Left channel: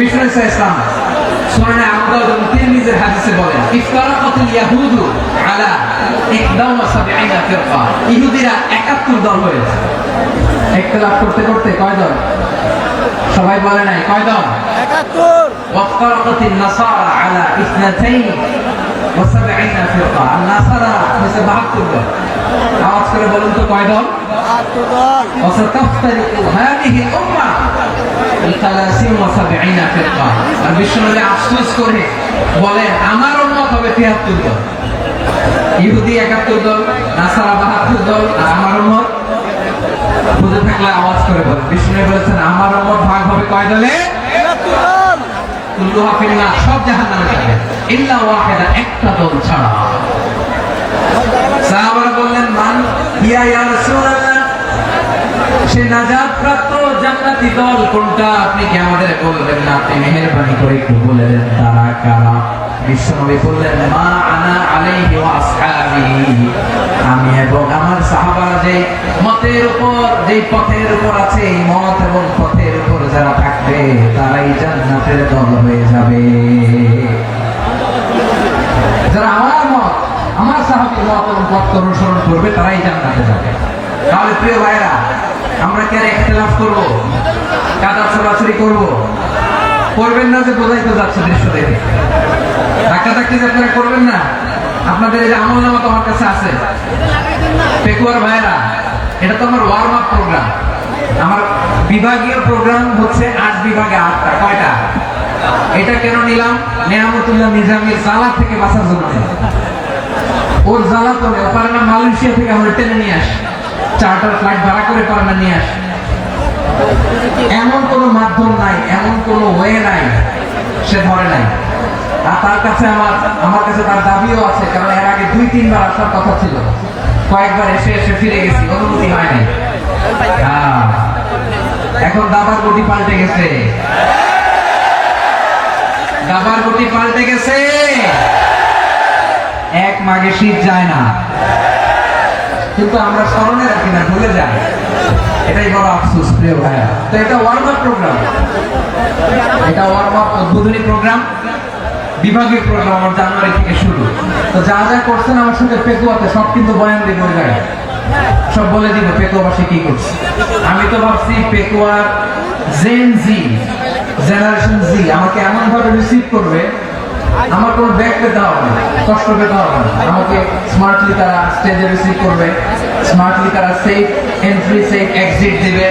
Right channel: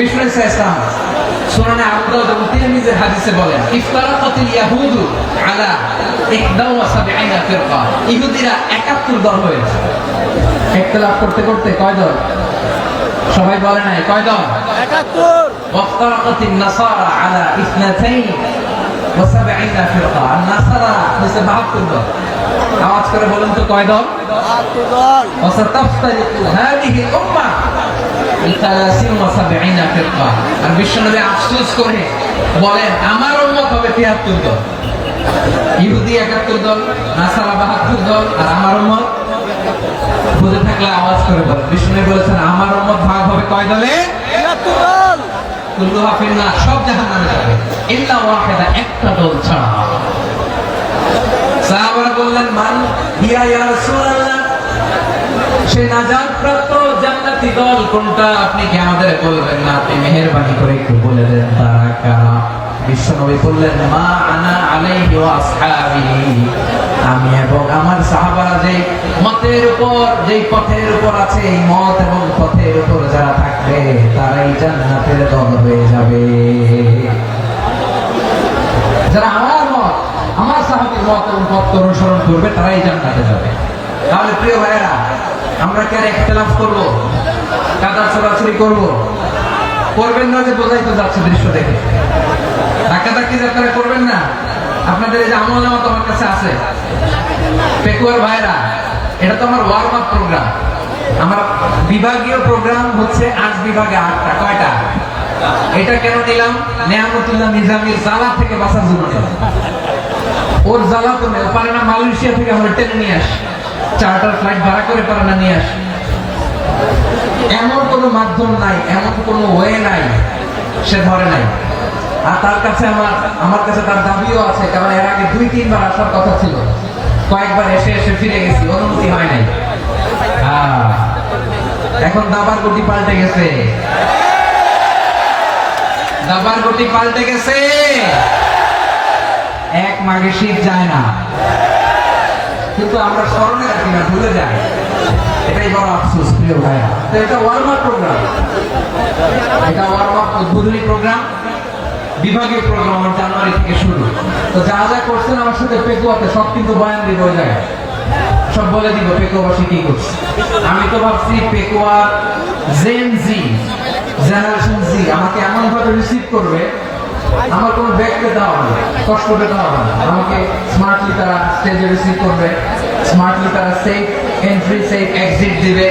বিষ্ণু ইসলাম সুনানে আবু দাউদ এবং তিরমিজির হাদিসে বলেন ইফতারাকাতিল ইয়াহুদু আলা 71 ফিরকা, ইহুদিরা 71 দল হয়েছে। ইখতিলাফ করতে করতে কয়জন? সবাই বলে নাই কয়জন? 71। ওয়াফতারাকাতিন নাসারা আলা 72 ফিরকা, আর নাসারা হচ্ছে 72 দল। আওয়াজ করে বলুন তো কয় দল? 72 দল। ওয়াসাতাফতারিকু হাদিহি উম্মাহ 73 ফিরকা। আর বিশ্বনবী আফসোস করে বলেন আমার উম্মত হবে 73 দল। ইহুদি 71 দল, নাসারা 72 দল, আর আমার উম্মত বুঝে থাকলে আওয়াজ করে বলেন। বিশ্বনবী বলেছেন আমার উম্মত ভাগ হবে কয় দলে? 73 দল। কুল্লুহা ফিন্নার, সব জাহান্নামে যাবে ইল্লা ওয়াহিদা, একটা দল ছাড়া। সাহাবারা বললেন মান হিয়া ইয়া রাসূলুল্লাহ, সে নাজাত প্রাপ্ত জান্নাতি দল কোনটা? আপনি কি আমাদের বলবেন না? আপনি মেহেরবানি করে একটু বলে দেন তারা কারা। বিশ্বনবী বললেন মা আনা আলাইহি ওয়া আসহাবি, আমি এবং আমার সাহাবারা যে মতের উপর, যে পথের উপর আছে, এই মত এবং পথের উপর যারা থাকবে তারাই জান্নাতের দল হয়ে যাবে। যারা আমার মত, আমার সাহাবীর মত এবং পথ অনুসরণ করবে তারাই জান্নাতে যাবে। তাহলে প্রিয় ভাইয়েরা, আমরা কি আর ইখতিলাফ করব? কাদা ছোড়াছুড়ি করব? করবেন না যে বোঝাই তো যাচ্ছে দৃশ্য দেখে। ধাক্কাধাক্কি যে আপনারা করবেন না। আপনাদের এই যে আমলনামা তো আমার কাছে আছে। পেকুয়ার ভাইরা, এটা তো আমার ওয়ার্ম আপ প্রোগ্রাম। আমার বিভাগীয় প্রোগ্রাম হচ্ছে 8 বিভাগে 8টা। কয়টা? এটা কেন নিলাম? নেয়ামতুল্লাহ নিজামীর জ্বালা থেকে বাঁচার জন্য। ওর জ্বালা তো পারে না, মালয়েশিয়া থেকে আমরা টেনে নিয়ে আসি, চার্টার ফ্লাইট ভাড়া করে পারে না নিয়ে আসি। এমন কোনো মাধ্যম নাই, এমন কোনো ওয়ে নাই, সে ধরে নাই। আর তার কাছে আমার কাছে তার দাবিও আছে, কারণ এর আগে 2-3 বার আসার কথা ছিল। কয়েকবার এসে ফিরে গেছি, অনুমতি হয় নাই। এখন দাবার গতি পাল্টে গেছে, দাবার গতি পাল্টে গেছে। এক মাঘে শীত যায় না, কিন্তু আমরা স্মরণে রাখি না, ভুলে যাই। এটাই বড় আফসোস প্রিয় ভাইয়া। তো এটা ওয়ার্ম আপ প্রোগ্রাম, এটা ওয়ার্ম আপ উদ্বোধনী প্রোগ্রাম, বিভাগীয় প্রোগ্রাম আমার জানুয়ারি থেকে শুরু। তো যা যা করছেন আমার সাথে পেকুয়াতে সব কিন্তু বয়ান দিব ওই জায়গায়, সব বলে দিবে পেকুয়াবাসী কি করছে। আমি তো ভাবছি পেকুয়া জেন জি, জেনারেশন জি আমাকে এমন ভাবে রিসিভ করবে, আমার কোনো ব্যাগ পেতে হবে না, কষ্ট পেতে হবে না। আমাকে স্মার্টলি তারা স্টেজে রিসিভ করবে, স্মার্টলি তারা সেফ এন্ট্রি সেফ এক্সিট দিবে।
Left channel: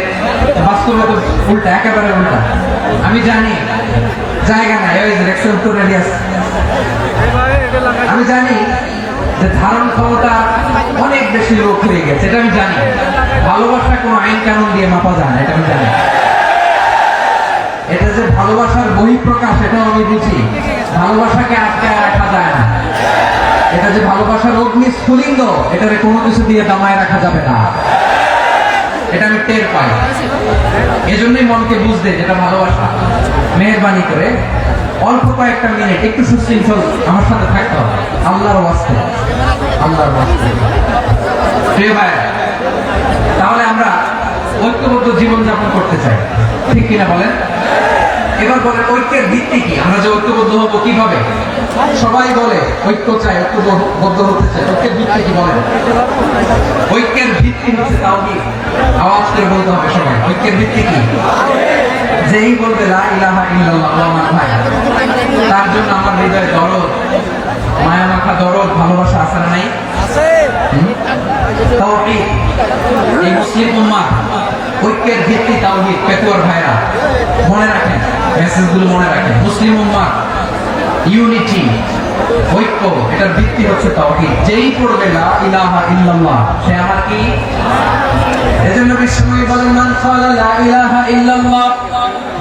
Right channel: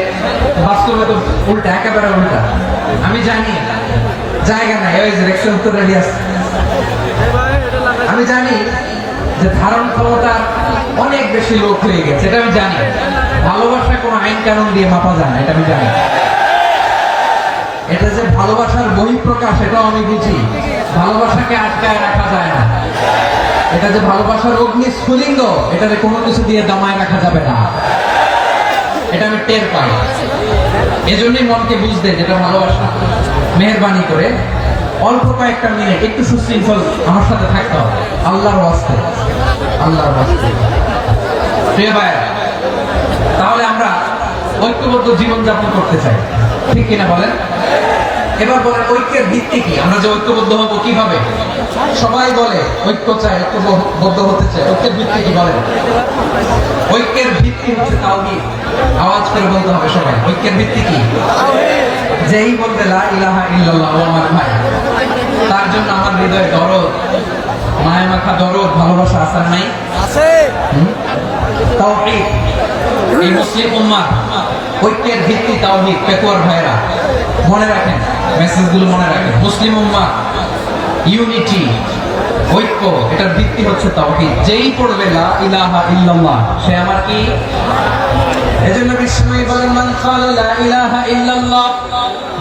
বাস্তবে তো উল্টা, একেবারে উল্টা। আমি জানি জায়গা নাই, ওই যে রিকশা তো রেডি আছে। আমি জানি যে ধারণ ক্ষমতা অনেক বেশি লোক হয়ে গেছে, এটা আমি জানি। ভালোবাসা কোনো আইন কানুন দিয়ে মাপা যায় না, এটা আমি জানি। এটা যে ভালোবাসার বহিঃপ্রকাশ, এটাও আমি বুঝি। ভালোবাসাকে আটকায় রাখা যায় না। এটা যে ভালোবাসার অগ্নি স্ফুলিঙ্গ, এটাকে কোনো কিছু দিয়ে দমায় রাখা যাবে না, এটা আমি টের পাই। এজন্যই মনকে বুঝতে যেটা ভালোবাসা। মেহেরবানি করে অল্প কয়েকটা মিনিট একটু সুশৃঙ্খল আমার সাথে থাকতে হবে, আল্লাহর ওয়াস্তে, আল্লাহর ওয়াস্তে। প্রিয় ভাই, তাহলে আমরা ঐক্যবদ্ধ জীবনযাপন করতে চাই, ঠিক কিনা বলেন? এবার বলেন ঐক্যের ভিত্তি কি? আমরা যে ঐক্যবদ্ধ হবো কিভাবে? সবাই বলে ঐক্য চাই, ঐক্যবদ্ধ হতে চাই। ঐক্যের ভিত্তি কি বলেন? ঐক্যের ভিত্তি হচ্ছে তাওহীদ। আওয়াজ করে বলতে হবে সবাই, ঐক্যের ভিত্তি কি? যেই বলবে লা ইলাহা ইল্লাল্লাহ, আমার ভাই, তার জন্য আমার হৃদয়ে দরদ, মায়া মাখা দরদ, ভালোবাসা আছে না নাই? আছে। তাওহীদ। এই মুসলিম উম্মাহ ঐক্যের ভিত্তি তাওহীদ। পেকুয়ার ভাইরা মনে রাখেন, মেসেজগুলো মনে রাখেন। মুসলিম উম্মাহ ইউনিটি, ঐক্য, এটার ভিত্তি হচ্ছে তাওহীদ। যেই পড়বে লা ইলাহা ইল্লাল্লাহ, সে আমার কি? এজন্য বিশ্বনবী বলেন মান ক্বালা লা ইলাহা ইল্লাল্লাহ,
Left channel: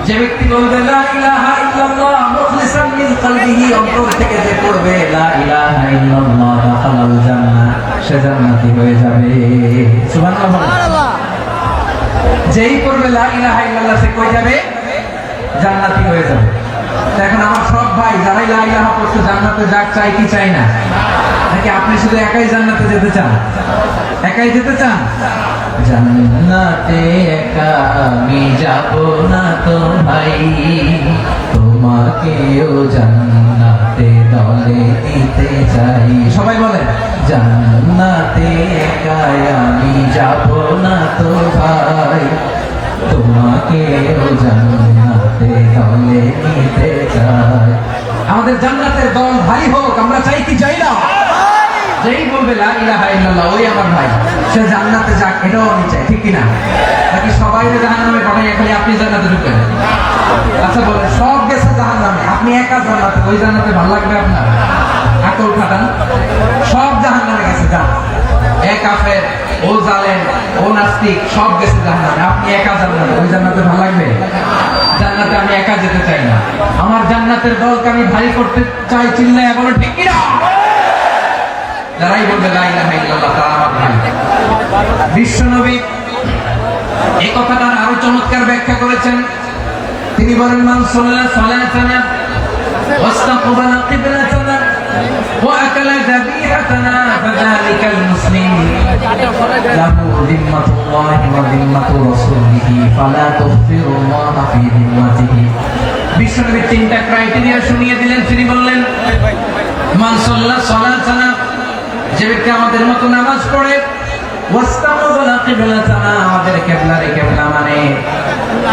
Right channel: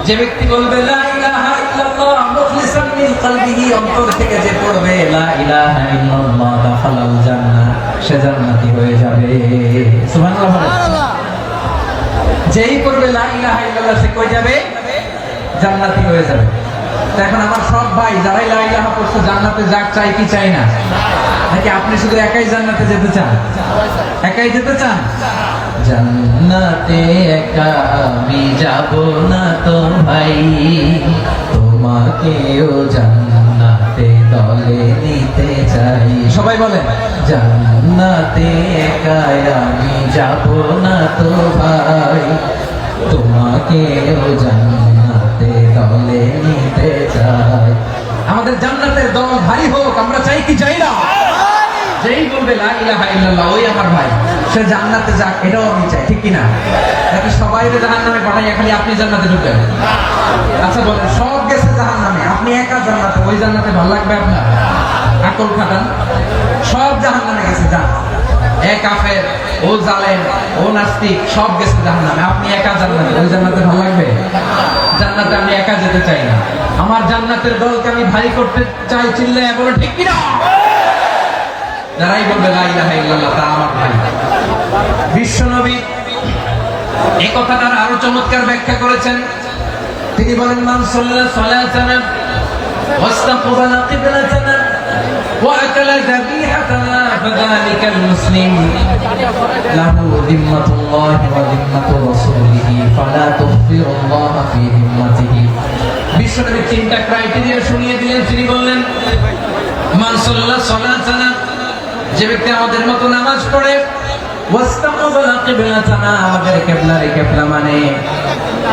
যে ব্যক্তি বলবে লা ইলাহা ইল্লাল্লাহ মুখলিসান মিন কলবিহি, অন্তর থেকে যে পড়বে লা ইলাহা ইল্লাল্লাহ, দাখালাল জান্নাহ, সে জান্নাতি হয়ে যাবে। সুবহানাল্লাহ। যেই পড়বে লা ইলাহা ইল্লাল্লাহ, সে কই যাবে? জান্নাতি হয়ে যাবে। এখন আমার সব ভাই যারাই লা ইলাহা পড়ছে জান্নাতে যাক, চাই কি চাই না? নাকি আপনি শুধু একাই জান্নাতে যেতে চান? একাই যেতে চান? জান্নাতে একা আমি যাব না তো ভাই, তোমাকেও জান্নাতে দলে নিতে চাই। সবাই বলেন, জান্নাতে একাই আমি যাব না তো ভাই, তোমাকেও জান্নাতে দলে নিতে চাই। আমাদের জান্নাতের দল ভাই হোক, আমরা চাই কি চাই না? যেই বলবে লা ইলাহা ইল্লাল্লাহ ওই আমার ভাই, সে জান্নাতে যাক, এটাও আমি চাই, ঠিক কিনা? নাকি সবাই জাহান্নামে পাঠাই, খালি আপনি জান্নাতে ঢুকেন? আচ্ছা বলেন, সব গেছে জাহান্নামে, আপনি একা জান্নাতে, ওই জান্নাতে ভালো লাগবে আপনার? আকল খাটান। সব জাহান্নামে গেছে, যান। এ কাফের, ও জালেম, ও নাস্তিক, সব গেছে জাহান্নামে, আপনি একা জান্নাতে, ওই জান্নাতে ভালো লাগবে? জান্নাতে আমি একা যেতে চাই না, আমার জান্নাতের দলকে আমি ভারী করতে চাই। চিল্লায় বলো ঠিক কিনা? যারাই বলবে লা ইলাহা ইল্লাল্লাহ তারা আমার ভাই। বিশ্বনবী এই কথাটার আরো চমৎকার ব্যাখ্যা করেছেন। তিনি বলেন, মান সাল্লা সালাতানা ওয়াস্তাকবালা কিবলাতানা ওয়া আকালা যাবিহাতানা ফাযালিকাল মুসলিম লাহু যিম্মাতুল্লাহি ওয়া যিম্মাতু রাসূলিহি ফালা তুগফিরুল্লাহা ফি যিম্মাতিহি। বিশ্বনবী তিনটা ক্রাইটেরিয়া শুনিয়ে দিলেন। তিনি বললেন, মান সাল্লা সালাতানা, যে ব্যক্তি আমাদের মতো নামাজ পড়ে, ওয়াস্তাকবালা কিবলাতানা, আমাদের কিবলারে কিবলা মানে,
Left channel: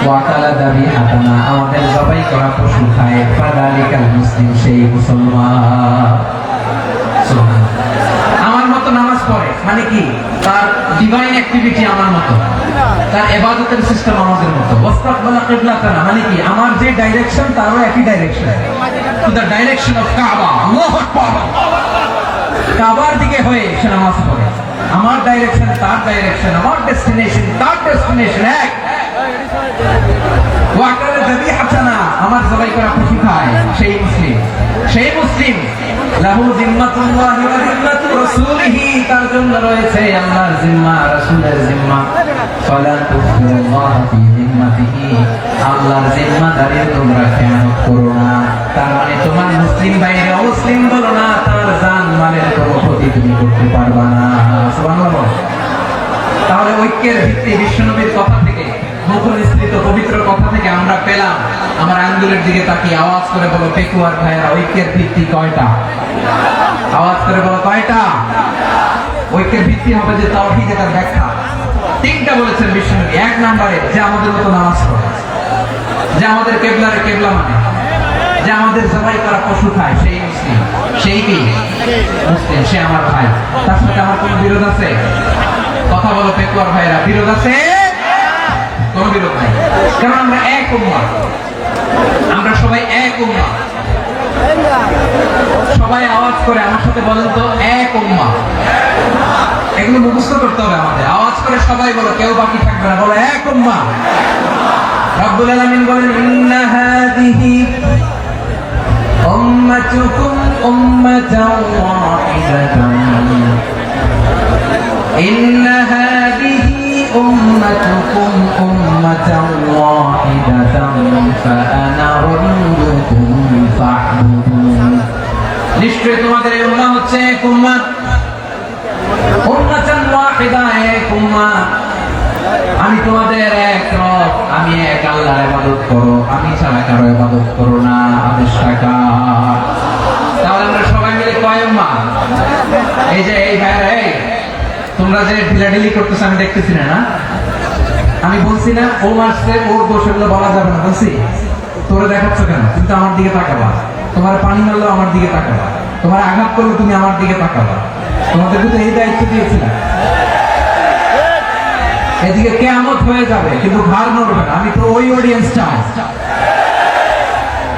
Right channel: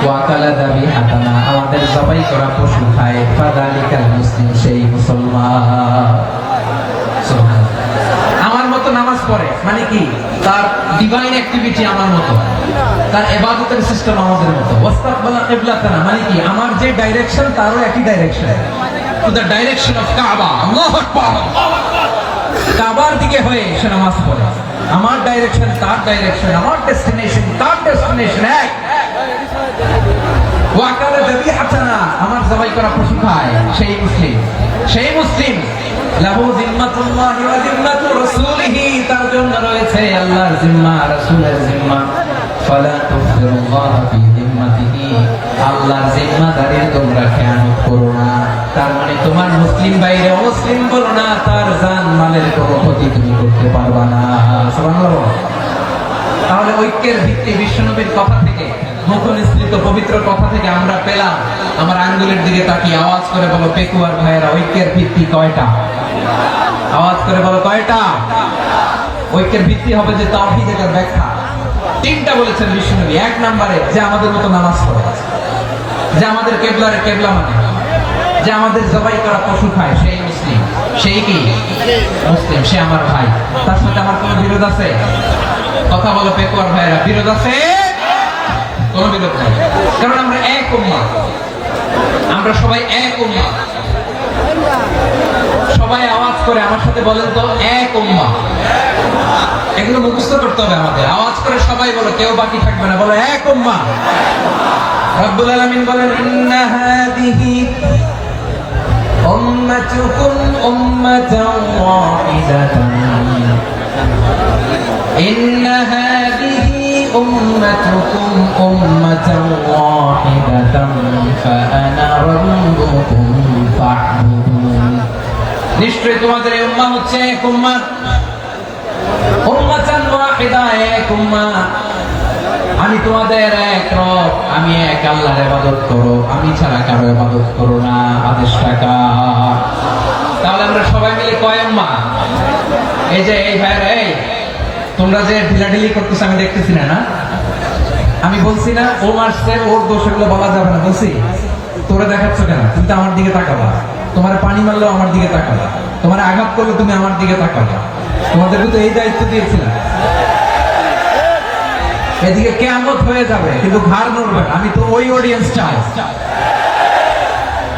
ওয়া আকালা যাবিহাতানা, আমাদের জবাই করা পশু খায়, ফাযালিকাল মুসলিম, সেই মুসলমান। আমার মতো নামাজ পড়ে মানে কি? তার ডিভাইন অ্যাক্টিভিটি আমার মতো, তার ইবাদতের সিস্টেম আমাদের মতো। ওয়াস্তাকবালা কিবলাতানা মানে কি? আমার যে ডাইরেকশন তারও একই direction, to the direction of কাবা। আল্লাহু আকবার। কাবার দিকে হয়ে সে নামাজ পড়ে, আমার ডাইরেকশন তার ডাইরেকশন, আমার ডেস্টিনেশন তার ডেস্টিনেশন এক। ওয়া আকালা যাবিহাতানা, আমার জবাই করা পশু খায়, সেই মুসলিম। সেই মুসলিম লাহু যিম্মাতুল্লাহি ওয়া যিম্মাতু রাসূলিহি, তার জন্য রয়েছে আল্লাহর জিম্মা, রাসূলের জিম্মা। ফালা তুগফিরুল্লাহা ফি যিম্মাতিহি, আল্লাহর জিম্মাদারির তোমরা খেয়ানত করো না। তার মানে তোমার মুসলিম বাইরে অমুসলিম বলো না, তার জান মালের কোনো ক্ষতি তুমি করতে পারবা না। সুবহানাল্লাহ। তাহলে ঐক্যের ভিত্তি বিশ্বনবীর কথা থেকে, মুখনিসৃত পবিত্র কথা থেকে আমরা পেলাম। আমার আঙ্গুলের দিকে তাকিয়ে আওয়াজ করে বলো পেকুয়ার ভাইয়েরা, ঐক্যের ভিত্তি কয়টা? আওয়াজ করে বলো কয়টা? ঐক্যের ভিত্তি হবে যে তাওহীদ, এটার ব্যাখ্যা তিনটা বলেছেন বিশ্বনবী। এক নম্বরে, যে আমাদের মতো নামাজ পড়ে, যে আমাদের কেবলারে কেবলা মানে, যে আমাদের জবাই করা পশু খায়, সেই মুসলিম। সেই কি? মুসলিম, সে আমার ভাই। তার সাথে আমার কোনো বিরোধ আছে? কথা বলো পেকুয়ার ভাইরা, বিরোধ আছে? কোনো বিরোধ নাই, কারণ আমরা এক উম্মাহ, আমরা সবাই এক উম্মাহ। সবাই আওয়াজ করে আমার সাথে বলেন তো, এক উম্মাহ। এগুলো মুখস্থ করতে হবে আমাদের। আওয়াজ করে সবাই বলো, কেউ বাকি থাকবে না, বলো এক উম্মাহ। রব্বুল আলামিন বলেন, ইন্না হাদিহি উম্মাতুকুম উম্মাতান ওয়াহিদাতান, ইন্না হাদিহি উম্মাতুকুম উম্মাতান ওয়াহিদাতান ফাআনা রাব্বুকুম ফা'বুদুন। নিশ্চয়ই তোমাদের এই উম্মাহ হচ্ছে এক উম্মাহ, উম্মাতান ওয়াহিদা, এক উম্মাহ। আমি তোমাদের এক রব, আমি এক আল্লাহর ইবাদত করো, আমি ছাড়া কারো ইবাদত করো না। আদেশটা কার? তাহলে আমরা সবাই মিলে কয় উম্মাহ? এই যে এই ভাইরা, এই তোমরা যে ঢিলাঢিলি করতেছ আমি দেখতেছি না, না? আমি বলছি না ও মারছে, ওর দোষ, এগুলো বলা যাবে না, বলছি? তোরা দেখাচ্ছ কেন? তুমি তো আমার দিকে তাকাবা। তোমার পানি মারলেও আমার দিকে তাকাবা, তোমার আঘাত করলে তুমি আমার দিকে তাকাবা। তোমাদেরকে তো এই দায়িত্ব দিয়েছিলাম। এদিকে কিয়ামত হয়ে যাবে কিন্তু ঘাড় নড়বে না, আমি তো ওই অডিয়েন্সটা।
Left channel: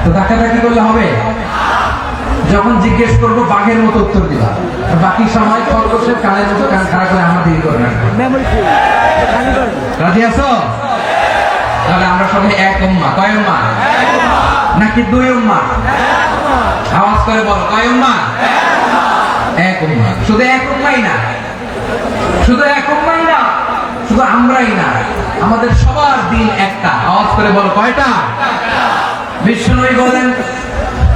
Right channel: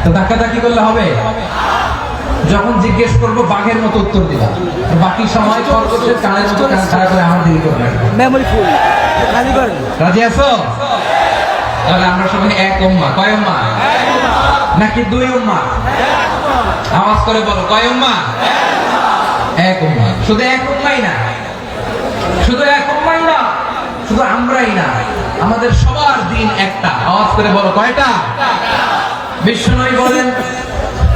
তো ধাক্কাধাক্কি করলে হবে? যখন জিজ্ঞেস করবো বাঘের মতো উত্তর দিবা, বাকি সময় খরগোশের কানের মতো কান খাড়া করে আমার দিকে করবে। রাজি আছো? তাহলে আমরা সবাই এক উম্মাহ। কয় উম্মাহ? নাকি দুই উম্মাহ? আওয়াজ করে বল, কয় উম্মাহ? এক উম্মাহ। শুধু এক উম্মাহই না, শুধু এক উম্মাহই না, শুধু আমরাই না, আমাদের সবার দিন একটা। আওয়াজ করে বলো কয়টা? বিশ্বনবী বলেন,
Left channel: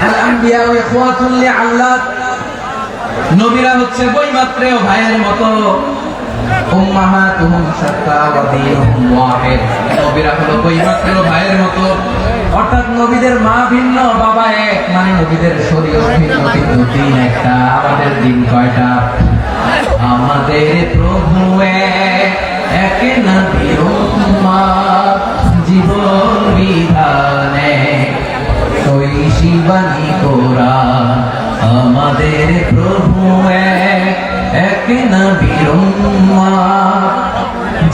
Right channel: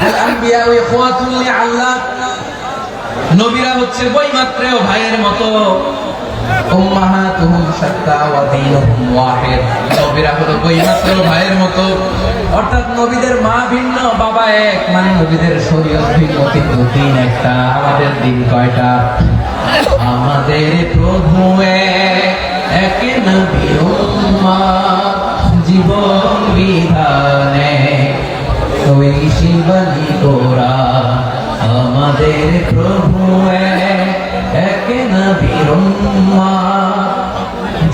আল আম্বিয়া ইখওয়াতুল লিআল্লাহ, নবীরা হচ্ছে বৈমাত্রেয় ভাইয়ের মতো। উম্মাহাতুহুম শাত্তা ওয়া দীনুহুম ওয়াহিদ। নবীরা হলো বৈমাত্র ভাইয়ের মতো, অর্থাৎ নবীদের মা ভিন্ন বাবা এক, মানে নবীদের শরীয়ত ভিন্ন কিন্তু দিন একটা। আমাদের দিন কয়টা? আমাদের প্রভু এক, এক নবীর উম্মাত, জীবন বিধানে ওই শিবানী কোরআন। আমাদের প্রভু এক নবীর উম্মাত,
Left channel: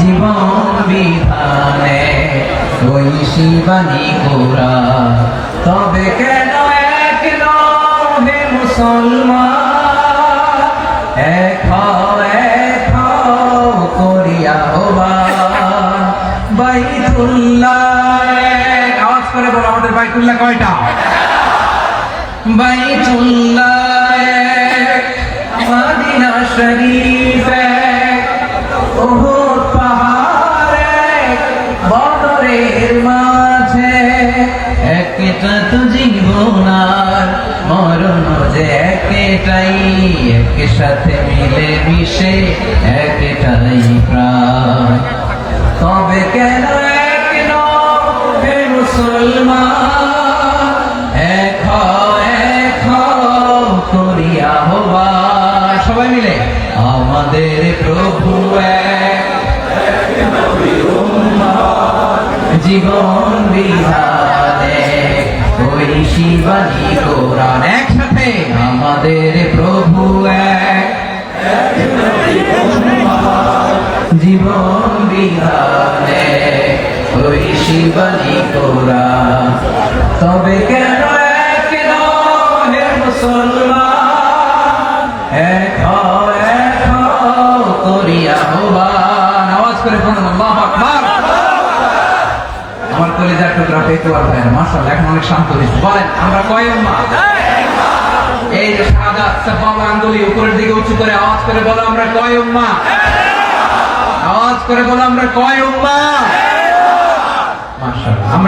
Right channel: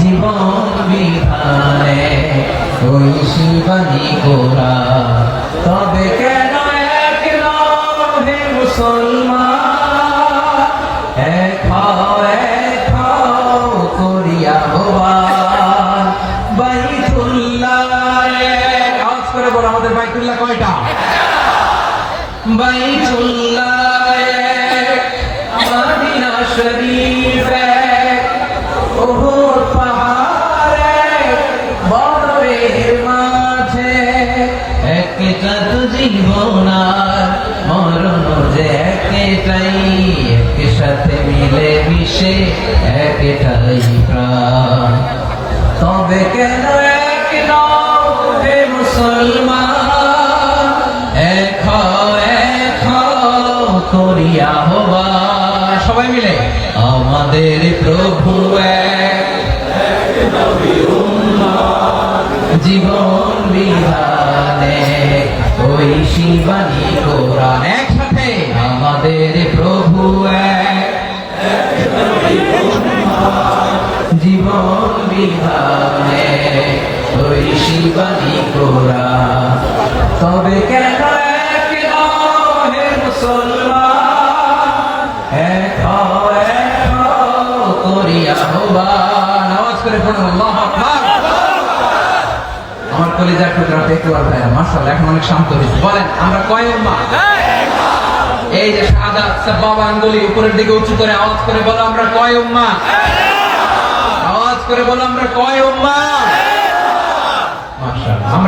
জীবন বিধানে ওই শিবানী কোরআন। তবে কেন এক নবে মুসলমান, এক হও করিয়া হবান বাইতুল্লাহ। আওয়াজ করে বলো, আমাদের বাইতুল্লাহ কয়টা? বাইতুল্লাহ এক, মদিনা শরীফ এক, উহুদ পাহাড় এক, বদরের মাঝে একটা তো জীবন আর মরণ যে একটাই, একসাথে মিলে মিশে একটাই প্রাণ। তবে কেন এক নও হে মুসলমান, এক হও করিয়া হবা। সবাই মিলে আমাদের প্রভু এক নবীর উম্মাত, জীবন বিধানে ওই শিবানী কোরআন। একসাথে আমাদের প্রভু এক জীবন বিধানে ওই শিবানী কোরআন। তবে কেন এক নও হে মুসলমান, এক হও করিয়া হবান। আওয়াজ করে বলুন আল্লাহু আকবার। আমার কলিজার টুকরা পেকুয়ার ভাইরা মাশাআল্লাহ এখন অনেক শান্ত হয়েছে। বলেন আমরা কয় উম্মাহ? এই যে শাহাদাত সাবাব আঙ্গুলি উপরের দিকে উঁচু করে আওয়াজ করে বলো আমরা কয় উম্মাহ? আওয়াজ করে বলো আমরা কয় উম্মাহ?